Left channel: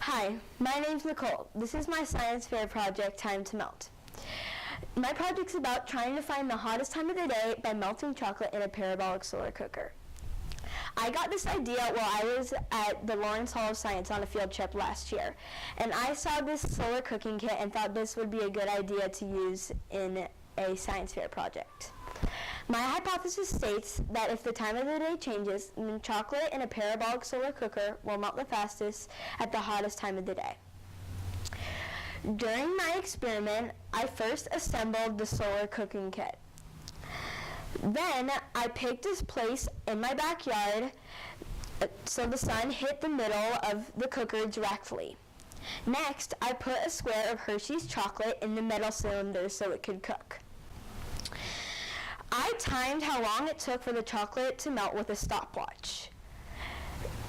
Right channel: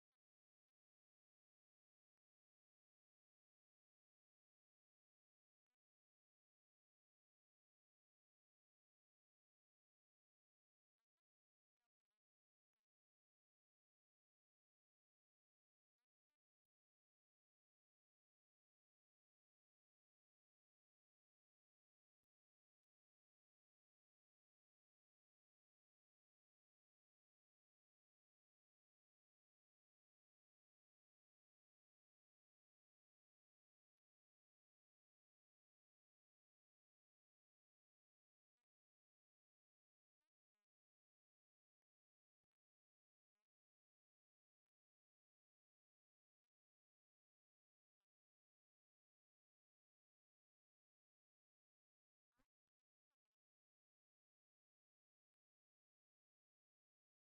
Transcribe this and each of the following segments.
Hi, my name's Nicole. This is my science fair project, Time to Melt. My project's about trying to find the hottest time of the day by melting chocolate in a parabolic solar cooker. I got this idea while I was at the Lawrence Hall of Science on a field trip last year, and I saw this solar cooking kit and thought this would be a good idea to use in a science fair project. My hypothesis states that if the time of the day changes, then chocolate in a parabolic solar cooker will melt the fastest at the hottest time of the day. During my experiment, I first assembled the solar cooking kit. Then I picked a place in my backyard so the sun hit the middle of the cooker directly. Next, I put a square of Hershey's chocolate in the metal cylinder so it could cook. I timed how long it took for the chocolate to melt with a stopwatch.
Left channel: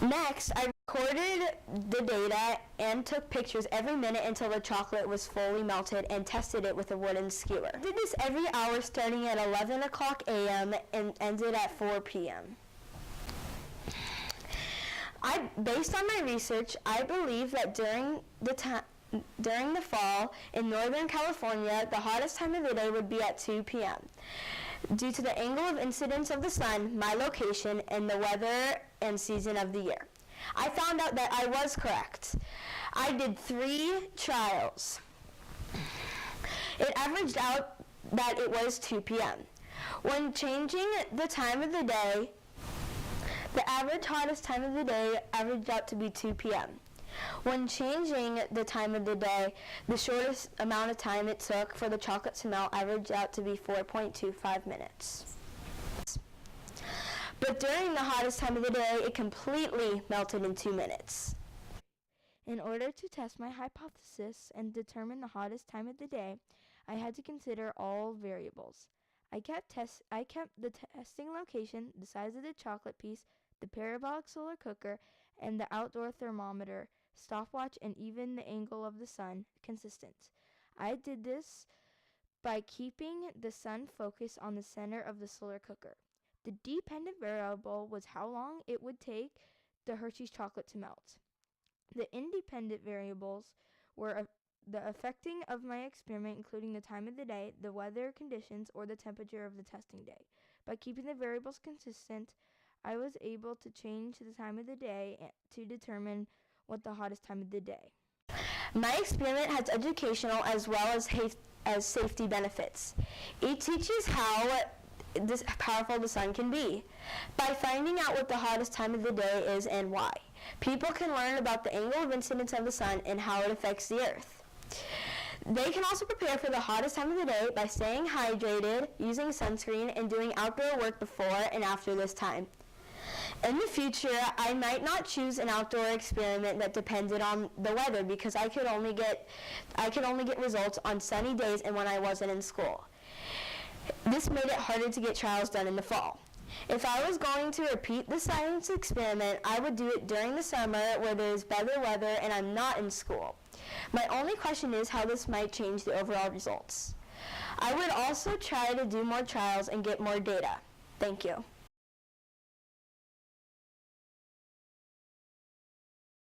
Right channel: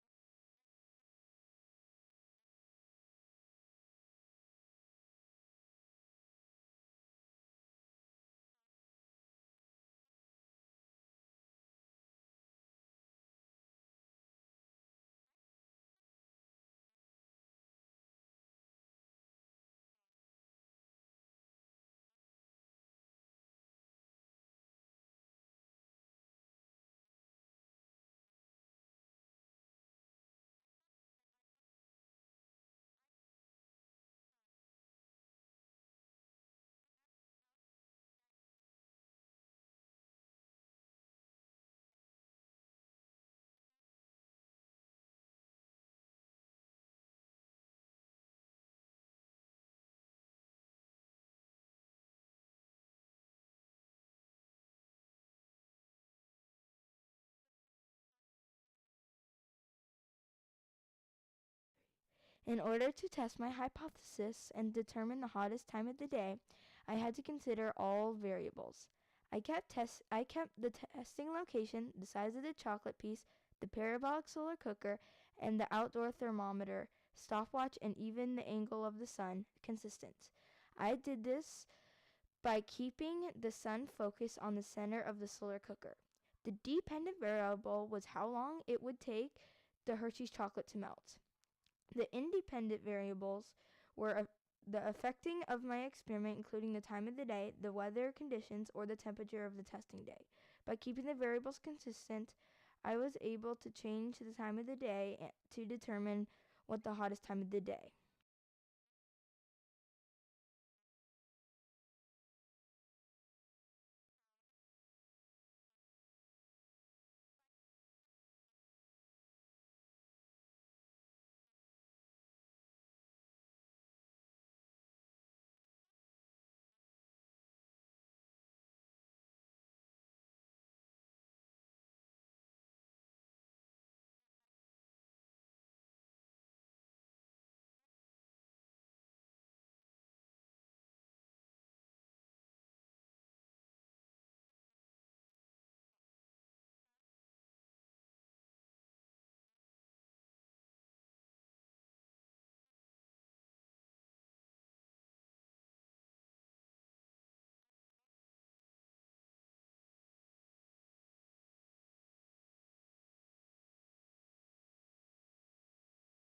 Next, I recorded the data and took pictures every minute until the chocolate was fully melted and tested it with a wooden skewer. I did this every hour starting at 11 o'clock a.m. and ended at 4 p.m. Based on my research, I believe that during the fall in Northern California, the hottest time of the day would be at 2 p.m. due to the angle of incidence of the sun, my location, and the weather and season of the year. I found out that I was correct. I did 3 trials. It averaged out that it was 2 p.m. When changing the time of the day, the average hottest time of the day averaged out to be 2 p.m. When changing the time of the day, the shortest amount of time it took for the chocolate to melt averaged out to be 4.25 minutes. But during the hottest time of the day, it completely melted in 2 minutes. In order to test my hypothesis and determine the hottest time of the day, I had to consider all variables. I kept the testing location, the size of the chocolate piece, the parabolic solar cooker, and the outdoor thermometer, stopwatch, and even the angle of the sun consistent. I did this by keeping the sun focused on the center of the solar cooker. The dependent variable was how long it would take the Hershey's chocolate to melt. The independent variables were the affecting of my experiment, including the time of the day, the weather conditions, or the temperature of the testing day. By keeping the variables consistent, I was able to change the time of the day to determine what the hottest time of the day. My experiment has educational as well as safety benefits. It teaches how powerful the sun can be. By finding out what the hottest time of the day is and why, people can learn about the angle of incidence of the sun and how it affects the earth. They can also prepare for the hottest time of the day by staying hydrated, using sunscreen, and doing outdoor work before and after this time. In the future, I might not choose an outdoor experiment that depended on the weather because I could only get results on sunny days and when I wasn't in school. This made it harder to get trials done in the fall. If I was going to repeat the science experiment, I would do it during the summer where there is better weather and I'm not in school. My only question is how this might change the overall results. I would also try to do more trials and get more data. Thank you.